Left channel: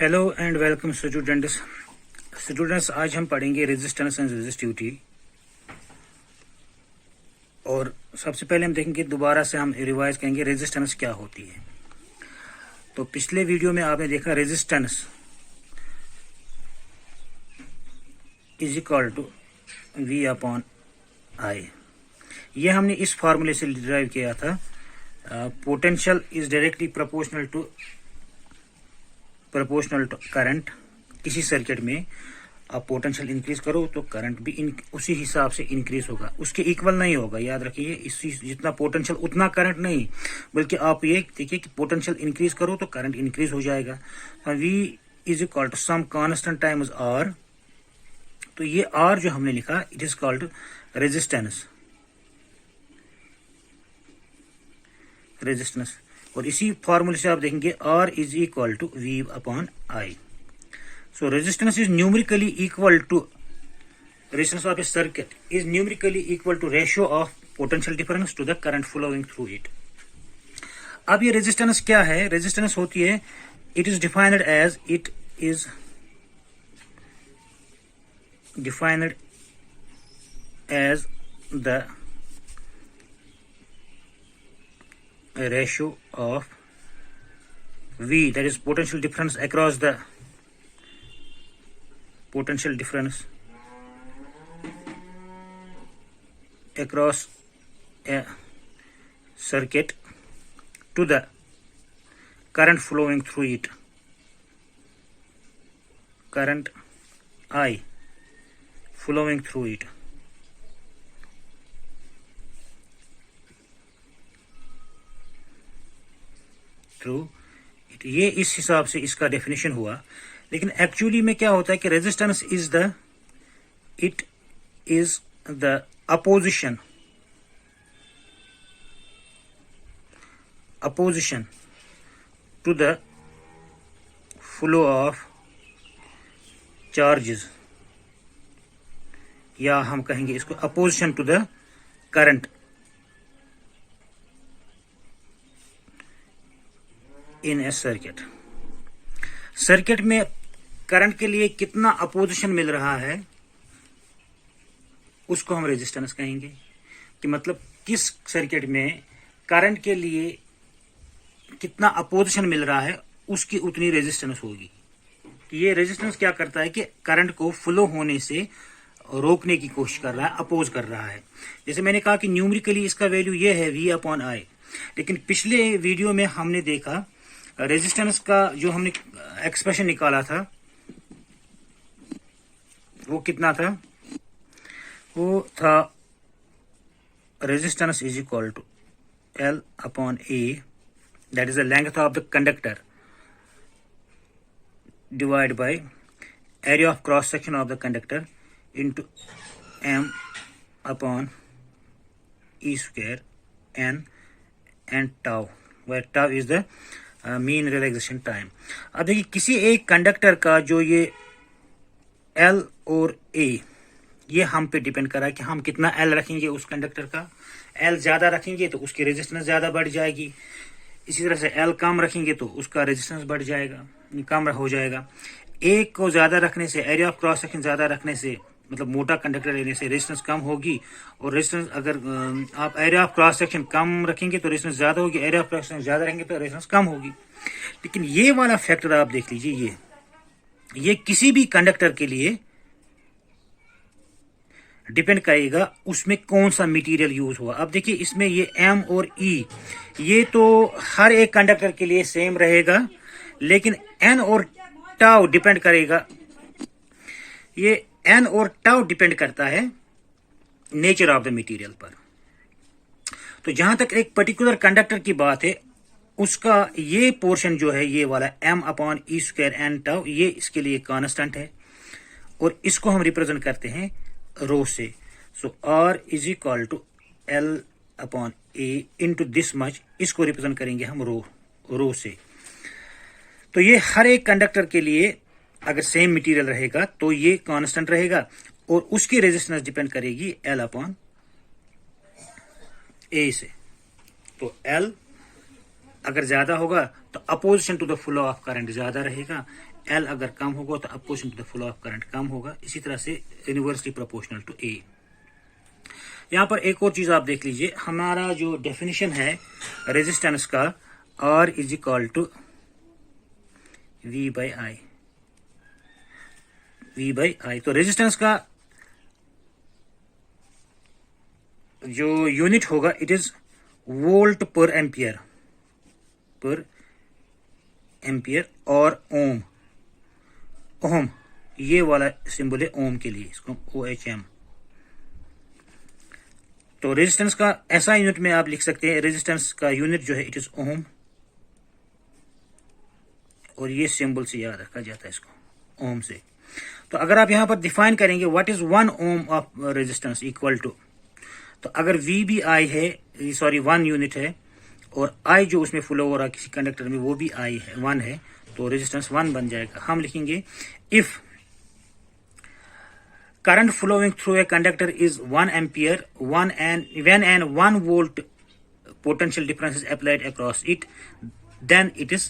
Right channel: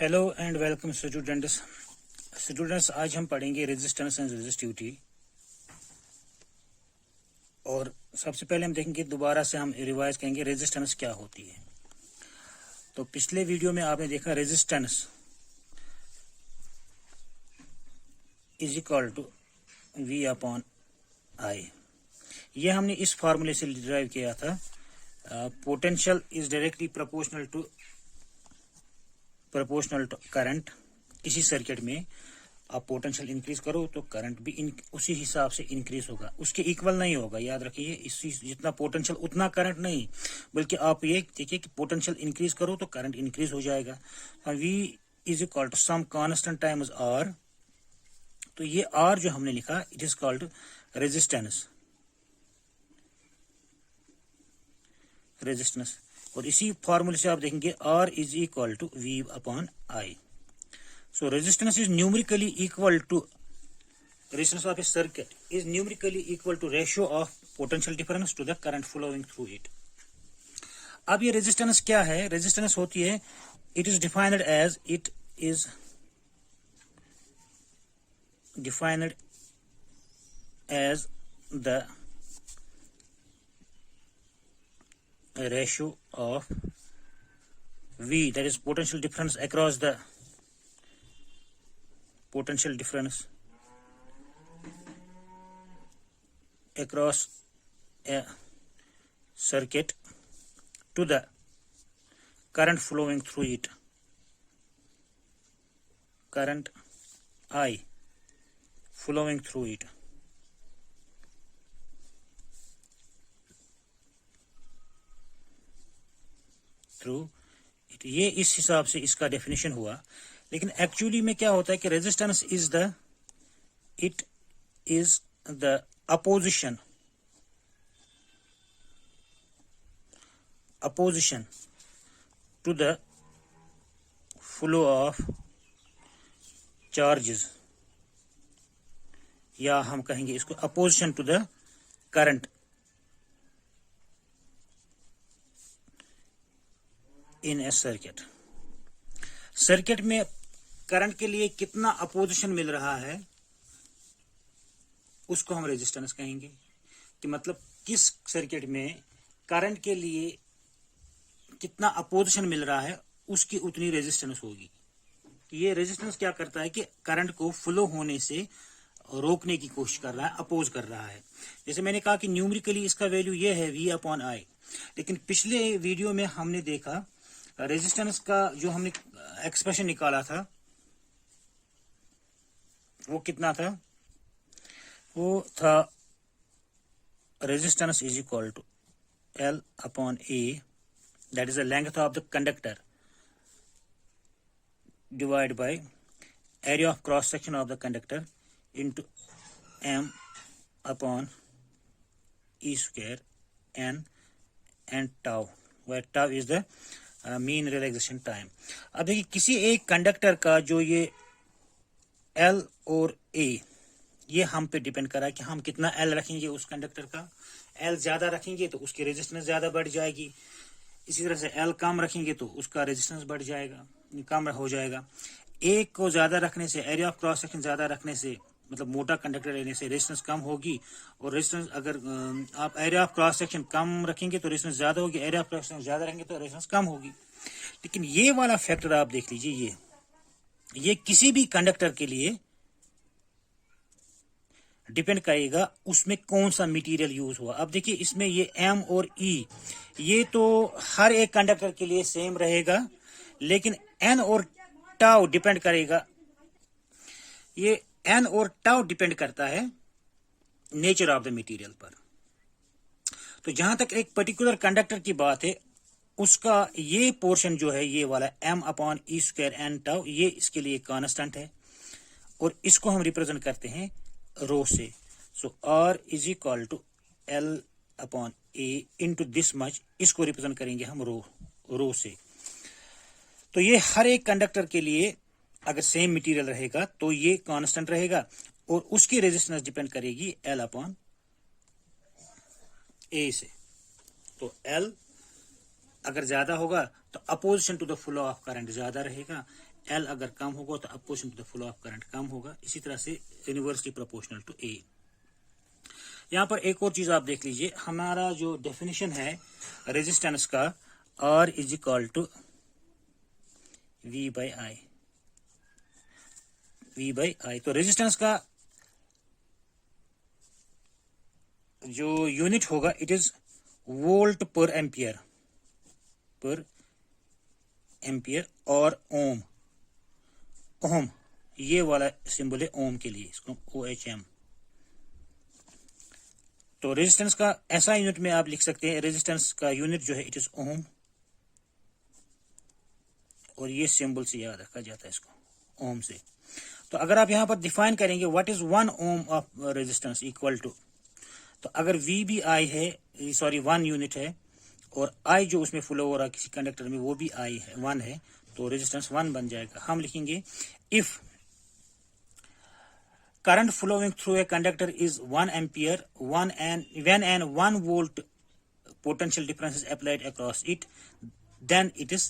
Hello and welcome students आज हम पढ़ेंगे रेजिस्टेंस एंड रेजिस्टिविटी। और सबसे पहले हम देखेंगे, दोबारा से हम रिवाइज करेंगे रेजिस्टेंस क्या होती है। तो पिछले वीडियो में आपने देखा resistance is equal to V upon I. ये हमने इस फॉर्मूले से डिराइव किया था। Potential is directly proportional to current. इसी सर्किट में आप पोटेंशियल इंक्रीज करो तो करंट भी उसी हिसाब से इंक्रीज होगा, उसके इक्वल नहीं होगा। याद रखिए, इसी जितना पोटेंशियल उतना करंट नहीं, बल्कि आप ये देखिए कि पोटेंशियल इंक्रीज करो तो करंट इंक्रीज हो जाएगा। V is equal to some constant times R। तो ये R जो हमने लिखा, इट इज कॉल्ड रेजिस्टेंस। और इसी फॉर्मूले से आप देखेंगे R is equal to V upon I। So resistance is numerically equal to resistance of a circuit is numerically equal to ratio of potential difference to the current flowing through it. अब ये resistance क्या है? Resistance होती है, it is defined as the ratio of V, that is potential difference across the potential difference across a circuit to the current flowing through it, current I flowing through it. ये इस हिसाब से इसका definition हुआ। लेकिन actually में क्या होता है कि resistance is the opposition to the flow of charges, या हम कहेंगे इसको opposition to the current in a circuit में करंट के लिए कितना अपोजिशन मिल रहा है उसको हम रेजिस्टेंस कहेंगे। कि मतलब किस सर्किट में करंट के लिए कितना अपोजिशन मिल रहा है उसकी उतनी रेजिस्टेंस होगी। तो ये रेजिस्टेंस क्या करता है कि करंट को फ्लो होने से रोकने की कोशिश कर रहा है, अपोज कर रहा है। जैसे मैंने कहा कि न्यूमेरिकली इसका वैल्यू ये है V अपॉन I। लेकिन पिछले वीडियो में हमने देखा रेजिस्टेंस का जो हमने एक्सप्रेशन निकाला था वो कितना था? वो था resistance is equal to L upon A, that is the length of the conductor, divide by area of cross section of the conductor into M upon E square N and tau, where tau is the mean relaxation time. अब देखिए, किसी एक conductor का जो ये L और A, ये हम पे डिपेंड कर रहा है कि हम कितना L रखेंगे उस कंडक्टर का। L ज्यादा रखेंगे तो उसकी रेजिस्टेंस ज्यादा बढ़ जाएगी, इसी तरह से L कम रखेंगे तो उसका रेजिस्टेंस बढ़ जाएगा, कम हो जाएगा। A को ज्यादा रखने से, एरिया ऑफ क्रॉस सेक्शन ज्यादा रखने से, मतलब मोटा कंडक्टर लेने से रेजिस्टेंस कम होगी। और रेजिस्टेंस अगर आप एरिया ऑफ क्रॉस सेक्शन कम रखेंगे तो रेजिस्टेंस ज्यादा होगी, एरिया ऑफ क्रॉस सेक्शन ज्यादा रहेंगे तो रेजिस्टेंस कम होगी। लेकिन ये वाला फैक्टर आप देख लीजिए, ये किसी भी कंडक्टर के लिए डिपेंड करेगा उसमें कौन सा मटेरियल यूज हुआ। अब देखिए, इसमें ये M और E, ये तो हर एक कंडक्टर के लिए सेम रहेगा, लेकिन N और टाउ डिपेंड करेगा, ये N और टाउ डिपेंड करता है नेचर ऑफ द मटेरियल पर। तो जहां तक एक पर्टिकुलर कंडक्टर की बात है, उसका ये पोर्शन जो है, ये वाला M upon E square N tau, ये इसके लिए कांस्टेंट है और इसको हम रिप्रेजेंट करते हैं रो से। So R is equal to L upon A into this much, इसको रिप्रेजेंट करेंगे हम रो से। तो ये हर एक कंडक्टर के लिए अगर सेम मटेरियल रहेगा तो ये कांस्टेंट रहेगा और उसकी रेजिस्टेंस डिपेंड करेगी L अपॉन A से। तो L अगर ज्यादा होगा तो opposition to the flow of current ज्यादा रहेगा, एल अगर कम होगा तो opposition to the flow of current कम होगा। इसी तरह से इनवर्सली प्रोपोर्शनल टू ए। यहाँ पर एक और चीज आप देख लीजिए, हमारा जो डेफिनेशन है रेजिस्टेंस का, R is equal to V by I. तो रेजिस्टेंस का जो यूनिट होगा it is volt per ampere और ओम ये वाला सिंबल है ओम के लिए, इसको OHM। तो रेजिस्टेंस का ऐसा यूनिट में आप लिख सकते हैं, रेजिस्टेंस का यूनिट जो है इट इज ओम, और ये सिंबल से याद रखा जाता है इसको ओम से। तो अगर आप यहां पर डिफाइन करेंगे what is 1 ohm of resistance equal to, तो अगर V भी I है, सॉरी 1 यूनिट है, और I जो उसमें फ्लो हो रहा है किसी कंडक्टर में वो भी I है 1 है, तो रेजिस्टेंस 1 बन जाएगा। हम लिखेंगे if current flowing through a conductor is 1 ampere when and 1 volt potential difference is applied across it, then it is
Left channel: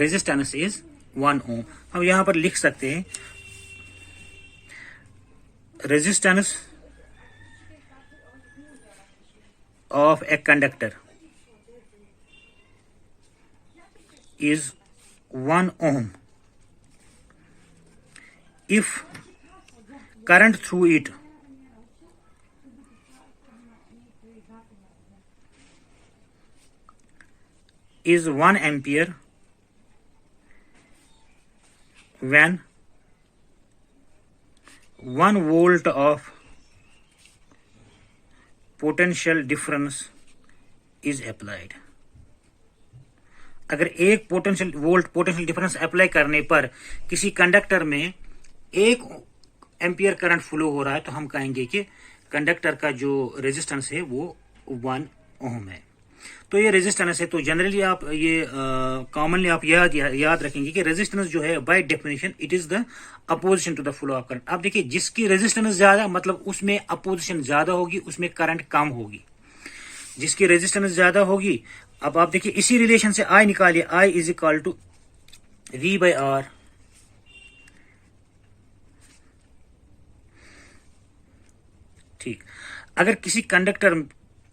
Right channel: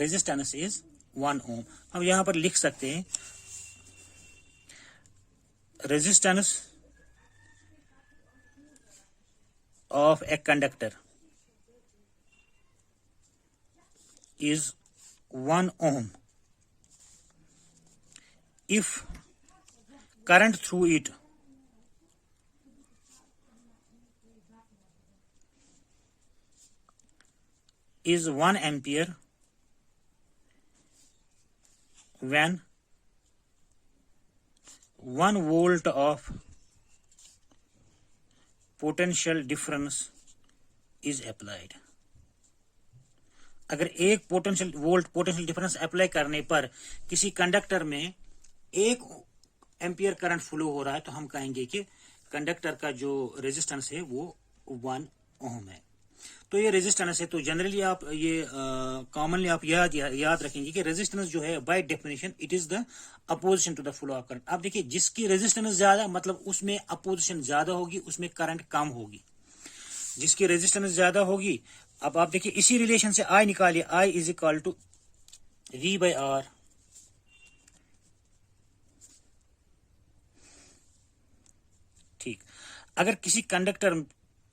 resistance is 1 ohm। हम यहां पर लिख सकते हैं resistance of a conductor is 1 ohm if current through it is 1 ampere when 1 volt of potential difference is applied। अगर एक potential difference apply करने पर किसी कंडक्टर में 1 एम्पियर करंट फ्लो हो रहा है, तो हम कहेंगे कि कंडक्टर का जो रेजिस्टेंस है वो 1 ओम है। तो ये रेजिस्टेंस है। तो जनरली आप ये कॉमनली आप याद रखेंगे कि रेजिस्टेंस जो है by definition it is the opposition to the flow of current. आप देखिए जिसकी रेजिस्टेंस ज्यादा मतलब उसमें अपोजिशन ज्यादा होगी, उसमें करंट कम होगी। जिसकी रेजिस्टेंस ज्यादा होगी, अब आप देखिए इसी रिलेशन से I निकालिए, I is equal to V by R. ठीक, अगर किसी कंडक्टर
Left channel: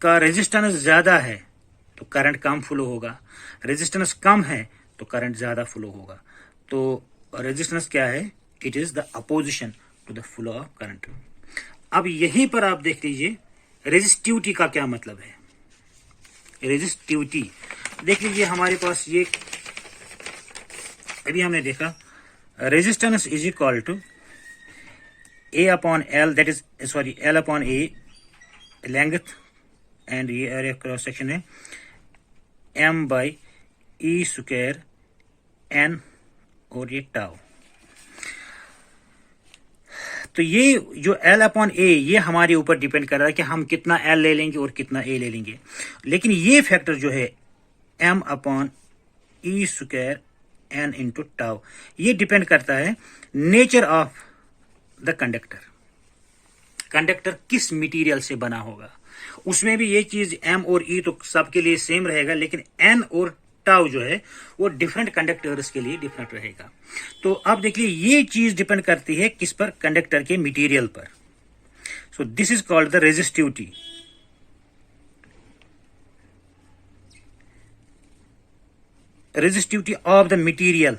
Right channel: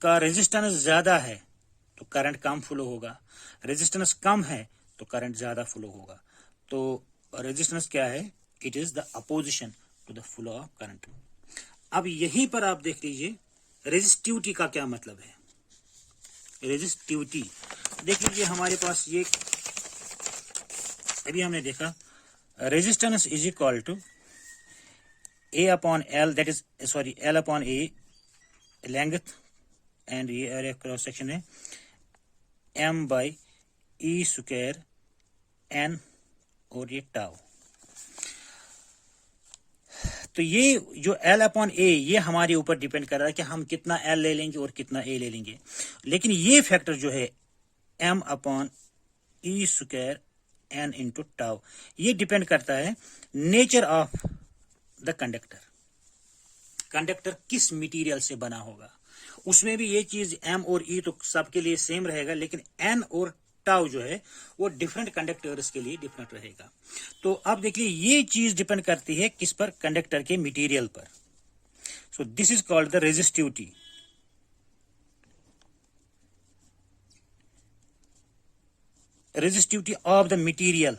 का रेजिस्टेंस ज्यादा है तो करंट कम फ्लो होगा, रेजिस्टेंस कम है तो करंट ज्यादा फ्लो होगा। तो रेजिस्टेंस क्या है? It is the opposition to the flow of current. अब यहीं पर आप देख लीजिए रेजिस्टिविटी का क्या मतलब है। रेजिस्टिविटी देख लीजिए, हमारे पास ये अभी हमने देखा resistance is equal to A upon L, that is sorry L upon A length and ये एरिया क्रॉस सेक्शन है M by E square N और ये टाउ। तो ये जो L अपॉन A ये हमारे ऊपर डिपेंड कर रहा है कि हम कितना L ले लेंगे और कितना A ले लेंगे। लेकिन ये फैक्टर जो है M upon E square N into tau ये डिपेंड करता है nature of the conductor. Conductor किस मटेरियल से बना होगा, उसमें भी ये चीज M और E तो सबके लिए सेम रहेगा, लेकिन N और टाउ जो है वो डिफरेंट कंडक्टर्स के लिए डिफरेंट रहेगा। तो अब देखिए ये चीज डिपेंड करती है किस पर? कंडक्टर के मटेरियल पर। So this is called the resistivity. Resistivity of the material,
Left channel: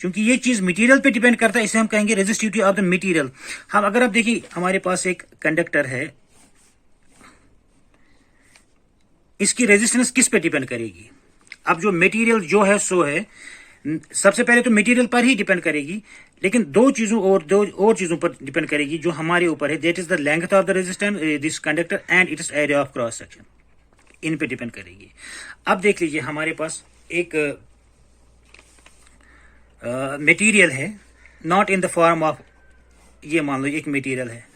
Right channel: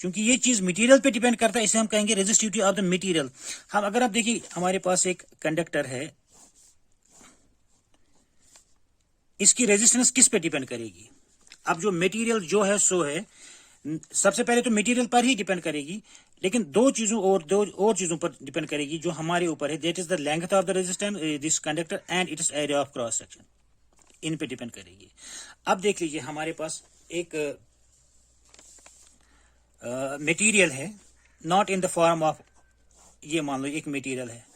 क्योंकि ये चीज मटेरियल पे डिपेंड करता है, इसे हम कहेंगे रेजिस्टिविटी ऑफ द मटेरियल। हम अगर आप देखिए हमारे पास एक कंडक्टर है, इसकी रेजिस्टेंस किस पे डिपेंड करेगी? अब जो मटेरियल जो है सो है, सबसे पहले तो मटेरियल पर ही डिपेंड करेगी, लेकिन दो और चीजों पर डिपेंड करेगी जो हमारे ऊपर है। That is the length of the resistance this conductor and it is area of cross section, इन पे डिपेंड करेगी। अब देख लीजिए हमारे पास एक मटेरियल है, not in the form of, ये मान लो एक मटेरियल है,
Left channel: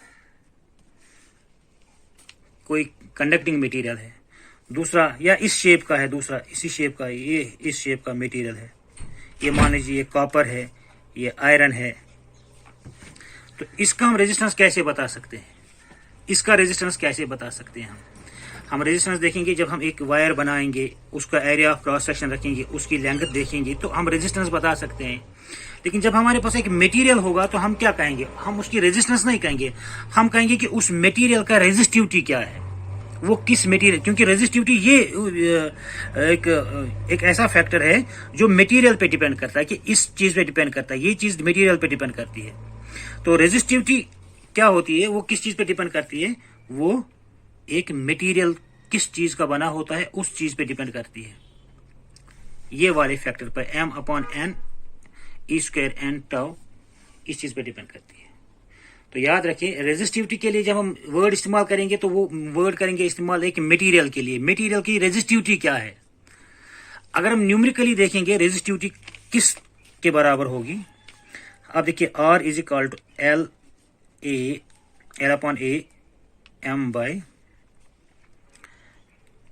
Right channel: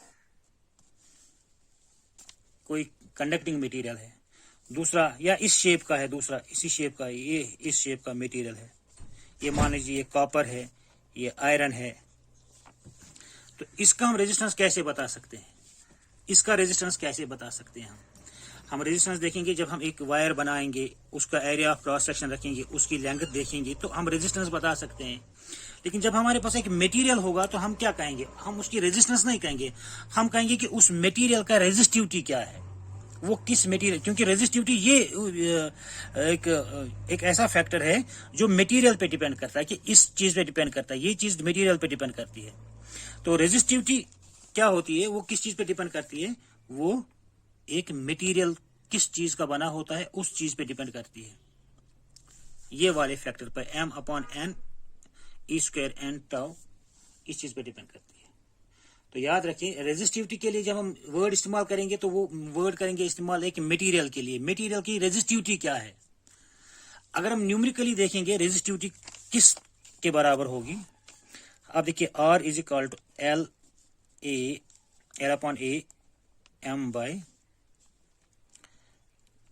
कोई कंडक्टिंग मटेरियल है, दूसरा या इस शेप का है, दूसरा इसी शेप का है, ये इस शेप का मटेरियल है, ये मान लीजिए ये कॉपर है, ये आयरन है। तो इसका हम रेजिस्टेंस कैसे बता सकते हैं? इसका रेजिस्टेंस कैसे बता सकते हैं? हम रेजिस्टेंस देखेंगे जब हम एक वायर बनाएंगे, उसका एरिया ऑफ क्रॉस सेक्शन रखेंगे, उसकी लेंथ देखेंगे तो हम रेजिस्टेंस बता सकते हैं। लेकिन जब हमारे पास एक मटेरियल होगा तो हम क्या कहेंगे, हम उसकी रेजिस्टेंस नहीं कहेंगे, हम कहेंगे कि उस मटेरियल का रेजिस्टिविटी क्या है, वो किस मटेरियल, क्योंकि रेजिस्टिविटी ये एक ऐसा फैक्टर है जो मटेरियल पे डिपेंड करता है, कि इस चीज पे डिपेंड करता है, ये चीज मटेरियल पे डिपेंड करती है। तो रेजिस्टिविटी क्या होती है, वो किस चीज पे डिपेंड करती है, वो एक मटेरियल किस चीज का बना होता है उस चीज पे डिपेंड करती है। ये वाले फैक्टर पर m/n E² n टाउ इस चीज पे डिपेंड करती है। तो याद रखिए, रेजिस्टिविटी के लिए जब हम वर्ड इस्तेमाल करेंगे तो वो वर्ड करेंगे इस्तेमाल एक मटेरियल के लिए। मटेरियल की रेजिस्टिविटी क्या है, अगर हम न्यूमेरिकली देखेंगे रेजिस्टिविटी किस के बराबर होगी। अब देखिए R is equal to L upon A m by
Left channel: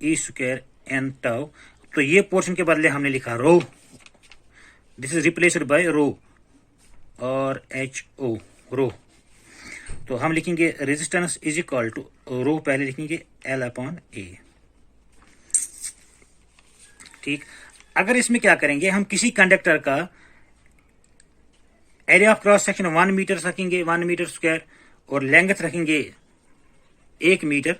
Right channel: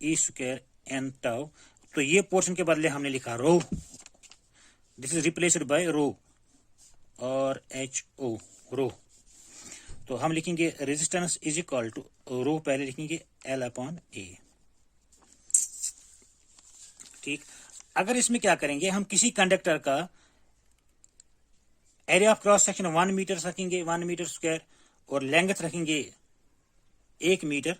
E² n tau. तो ये पोर्शन के बदले हमने लिखा rho, this is replaced by rho और HO रो। तो हम लिखेंगे resistance is equal to rho, पहले लिखेंगे L अपॉन A। ठीक, अगर इसमें क्या करेंगे, हम किसी कंडक्टर का area of cross section 1 metre रखेंगे, 1 मीटर स्क्वायर, और लेंथ रखेंगे 1 मीटर,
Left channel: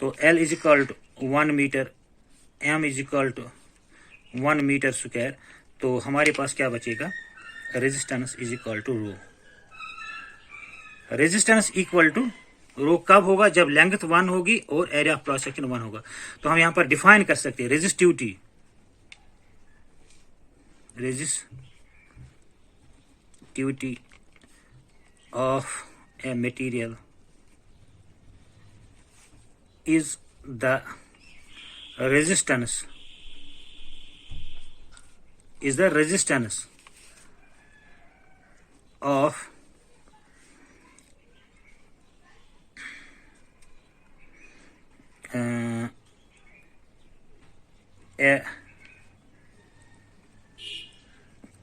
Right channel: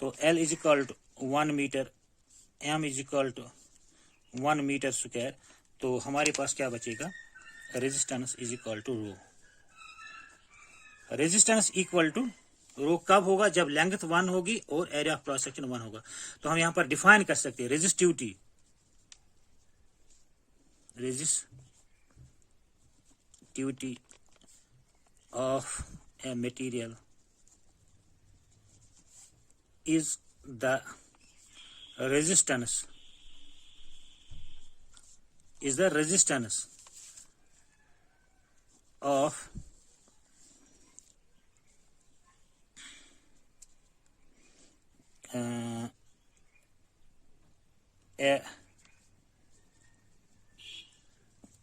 तो L is equal to 1 metre, M is equal to 1 metre square. तो हमारे पास क्या बचेगा, resistance is equal to rho. Resistance equal to rho कब होगा, जब लेंथ 1 होगी और एरिया ऑफ क्रॉस सेक्शन 1 होगा। तो हम यहां पर डिफाइन कर सकते हैं resistivity of a material is the resistance of a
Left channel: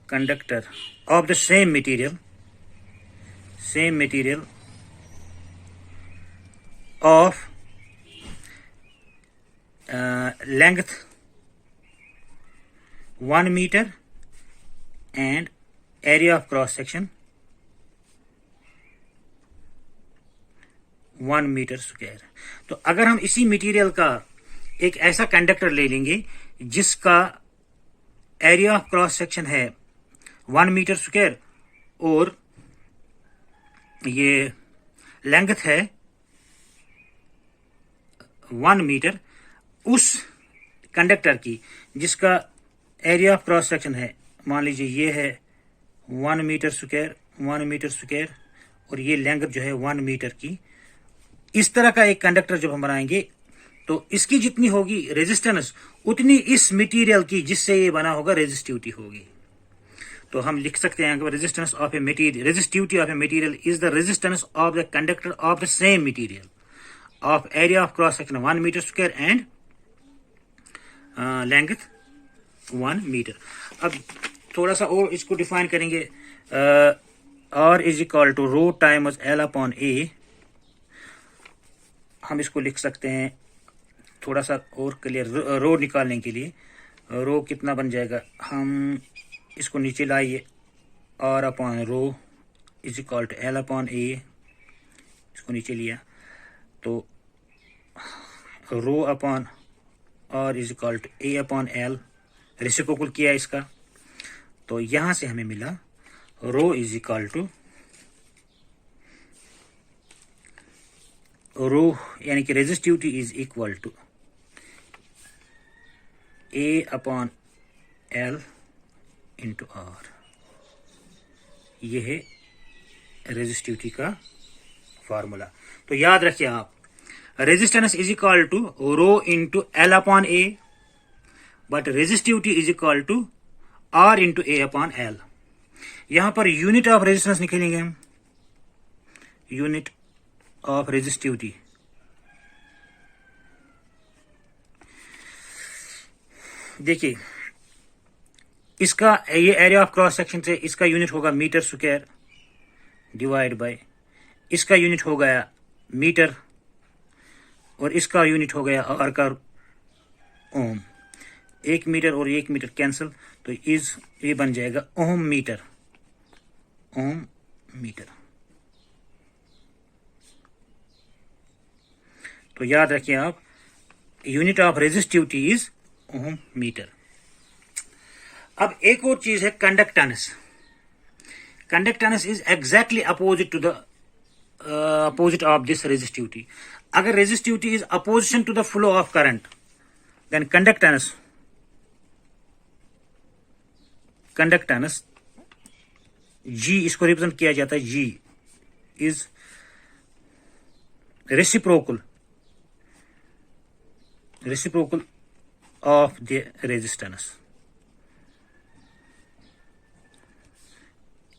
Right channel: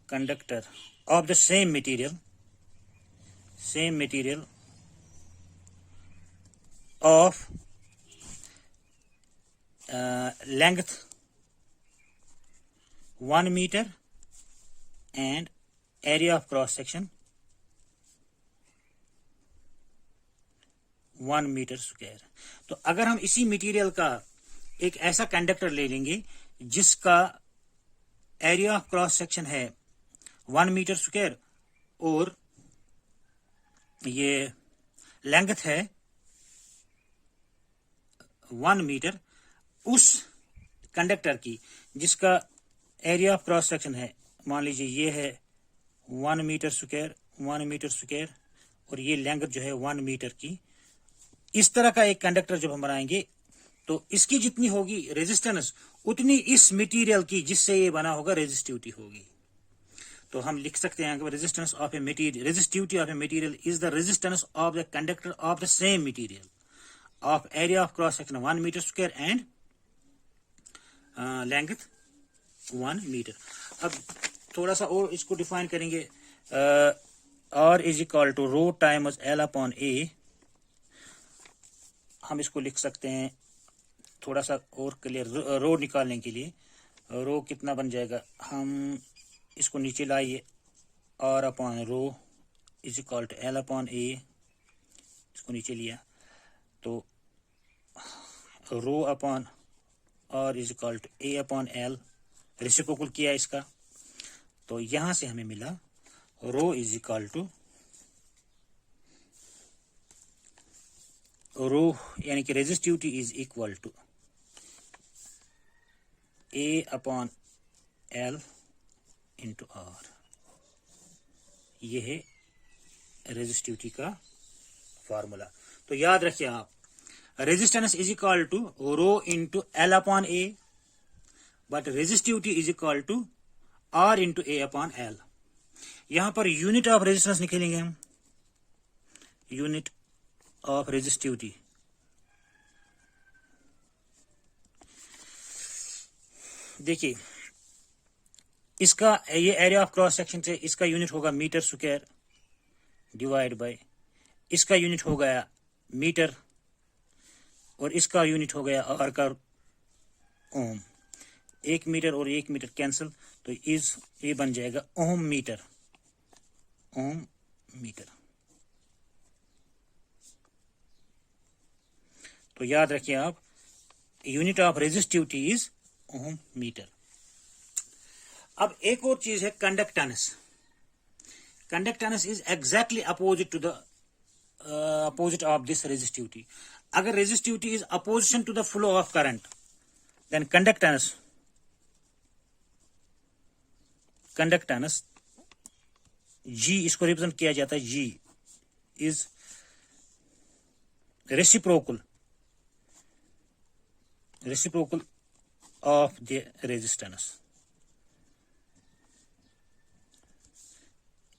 conductor of the same material of length 1 meter and area of cross section 1 metre square. तो अगर हम इसी मटेरियल का एक ऐसा कंडक्टर ले लेंगे जिसका एरिया ऑफ क्रॉस सेक्शन है 1 मीटर स्क्वायर और ये लेंथ है 1 मीटर, उस कंडक्टर की जिसका एरिया ऑफ क्रॉस सेक्शन है, मान लीजिए ये है 1 मीटर स्क्वायर और ये लेंथ जो है 1 मीटर की, इस तरह का एक कंडक्टर जब हम बनाएंगे तो इसकी जितनी होगी रेजिस्टेंस उतनी इस मटेरियल की जिससे ये बना होगा रेजिस्टिविटी होगी। तो हम लिख सकते हैं resistance of a material, resistivity of a material is the resistance of the conductor of the same material of area of cross section 1 metre square and length 1 metre. अब थोड़ा सा और इसको डिफाइन करेंगे, R is equal to rho times L upon A। हम इसको लिख सकते हैं थोड़ा सा और क्लियर, रो निकालने के लिए रो कितना बन जाएगा, हम इसको नीचे लाइए, R upon rho is equal to L upon A, इसको नीचे लिया तो rho upon R is equal to A upon L, reciprocal किया इसका, तो यहां से हमें मिला rho is equal to rho यानी कि resistivity is equal to A upon L into R। ये है रेजिस्टिविटी का फॉर्मूला। तो याद रखिए आप, resistance is equal to rho into L upon A, but resistivity is equal to R into A upon L। यहां पर यूनिट ऑफ रेजिस्टेंस निकालेंगे हम, यूनिट ऑफ रेजिस्टिविटी देखिए, इसका ये एरिया ऑफ क्रॉस सेक्शन से इसका यूनिट होगा metre square divide by, इसका यूनिट हो गया मीटर और इसका यूनिट हो गया आर का ओम। 1 मीटर और 1 मीटर कैंसिल, तो ये बन जाएगा ओम मीटर। ओम मीटर। तो याद रखिए आप, unit of resistivity is ohm metre. अब एक और चीज है conductance. Conductance is exactly opposite to the opposite of this resistivity. अगर resistivity is opposition to the flow of current, then conductance G, इसको रिप्रेजेंट किया जाता है, G is reciprocal of the resistance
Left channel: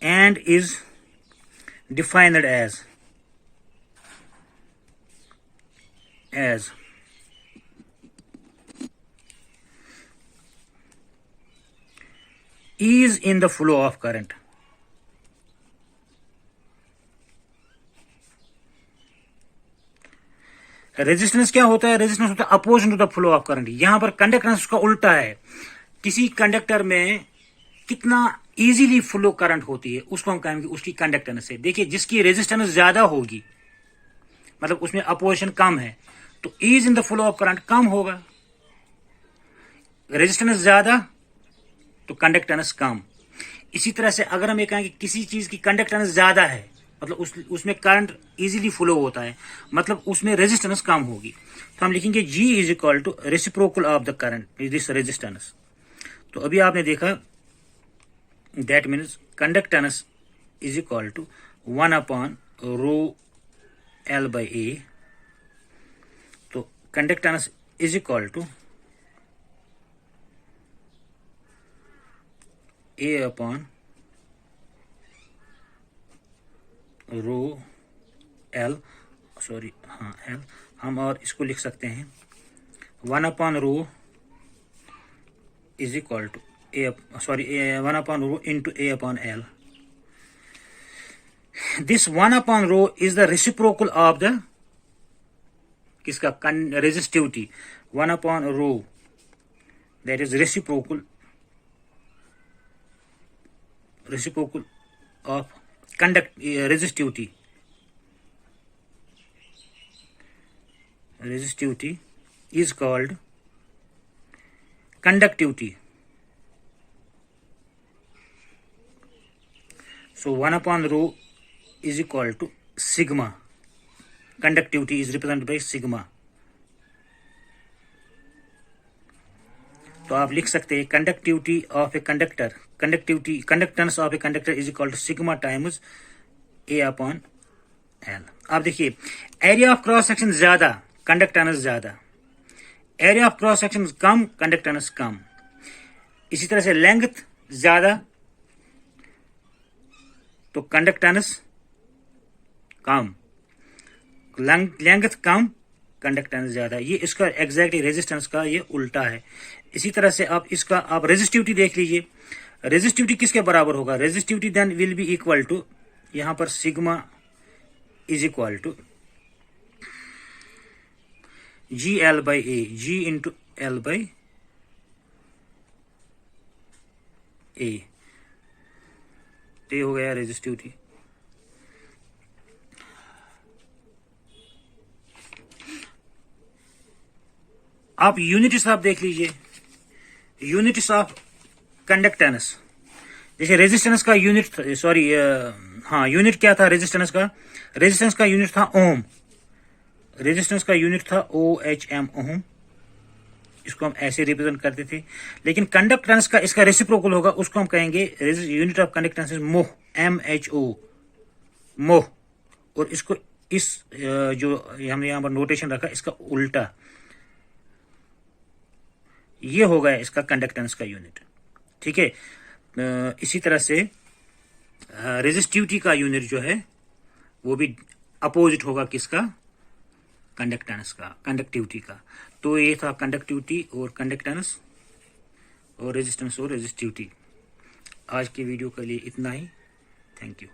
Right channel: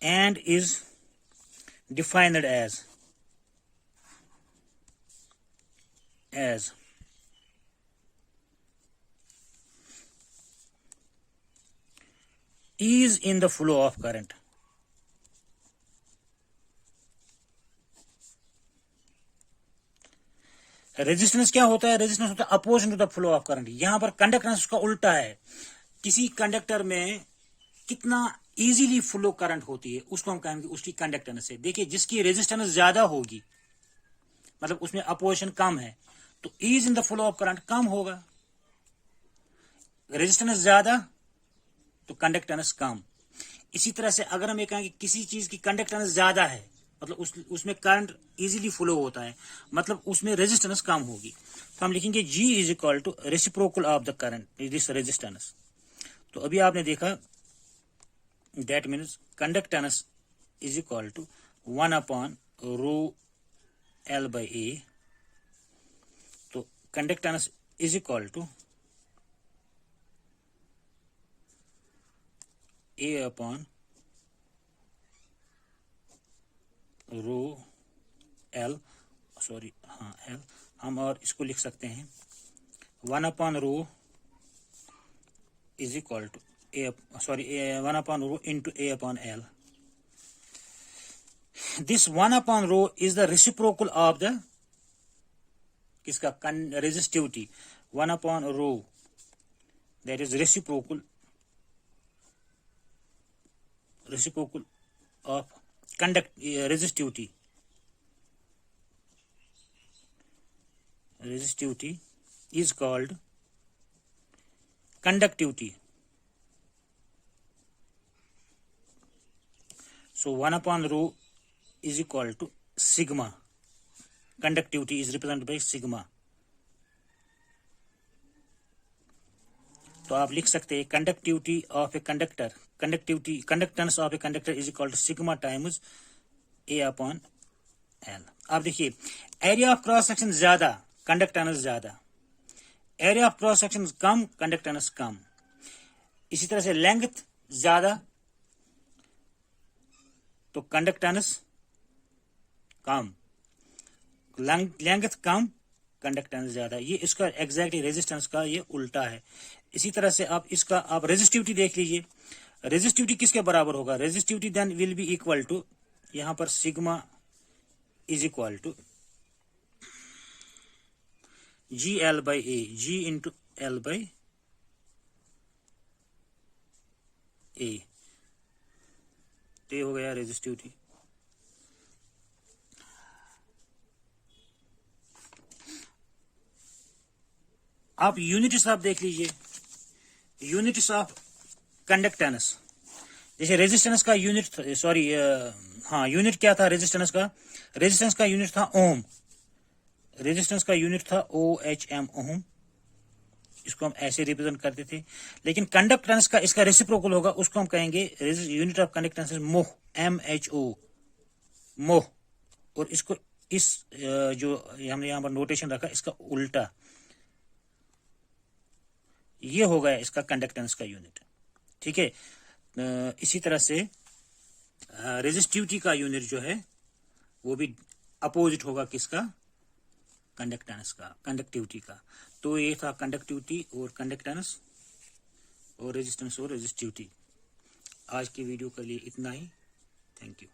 and is defined as ease in the flow of current. Resistance क्या होता है? Resistance होता है opposition to the flow of current. यहां पर कंडक्टेंस उसका उल्टा है। किसी कंडक्टर में कितना इजीली फ्लो करंट होती है उसको हम कहेंगे उसकी कंडक्टेंस है। देखिए, जिसकी रेजिस्टेंस ज्यादा होगी, मतलब उसमें अपोजिशन कम है, तो ease in the flow of current कम होगा। रेजिस्टेंस ज्यादा तो कंडक्टेंस कम। इसी तरह से अगर हम ये कहें कि किसी चीज की कंडक्टेंस ज्यादा है, मतलब उसमें करंट इजीली फ्लो होता है, मतलब उसमें रेजिस्टेंस कम होगी, तो हम लिखेंगे G is equal to reciprocal of the current this resistance. तो अभी आपने देखा, that means conductance is equal to 1/ρL/A। तो conductance is equal to A/ρL। Sorry, हाँ L। हम और इसको लिख सकते हैं 1/ρ is equal to 1/ρ into A/L। This 1/ρ is the reciprocal of the किसका? Resistivity. 1/ρ that is reciprocal of resistivity is called conductivity. So 1/ρ is equal to sigma. Conductivity is represented by sigma. तो आप लिख सकते हैं conductivity of a conductor, conductance of a conductor is equal to sigma times A/L। आप देखिए, area of cross section ज्यादा, conductance ज्यादा। Area of cross section कम, कंडक्टेंस कम। इसी तरह से लेंथ ज्यादा तो कंडक्टेंस कम, लेंथ कम, कंडक्टेंस ज्यादा। ये इसका एग्जैक्टली रेजिस्टेंस का ये उल्टा है। इसी तरह से आप इसका आप रेजिस्टिविटी देख लीजिए। रेजिस्टिविटी किसके बराबर होगा? Resistivity then will be equal to, यहां पर sigma is equal to GL/A, G into L/A। ये हो गया रेजिस्टिविटी। आप यूनिट्स आप देख लीजिए, यूनिट्स ऑफ कंडक्टेंस। जैसे रेजिस्टेंस का यूनिट, यूनिट क्या था रेजिस्टेंस का? रेजिस्टेंस का यूनिट था ओम। रेजिस्टेंस का यूनिट था OHM, ओम। इसको हम ऐसे रिप्रेजेंट करते थे। लेकिन कंडक्टेंस का इसका रेसिप्रोकल होगा, उसको हम कहेंगे यूनिट ऑफ कंडक्टेंस मोह, MHO, मोह। और इसको इस जो हमने यहां पर नोटेशन रखा, इसका उल्टा ये हो गया इसका कंडक्टेंस का यूनिट। ठीक है। इसी तरह से रेजिस्टिविटी का यूनिट जो है वो भी अपोजिट होगा किसका? कंडक्टेंस का, कंडक्टिविटी का। तो ये था कंडक्टिविटी और कंडक्टेंस और रेजिस्टेंस और रेजिस्टिविटी। आज की वीडियो के लिए इतना ही। Thank you.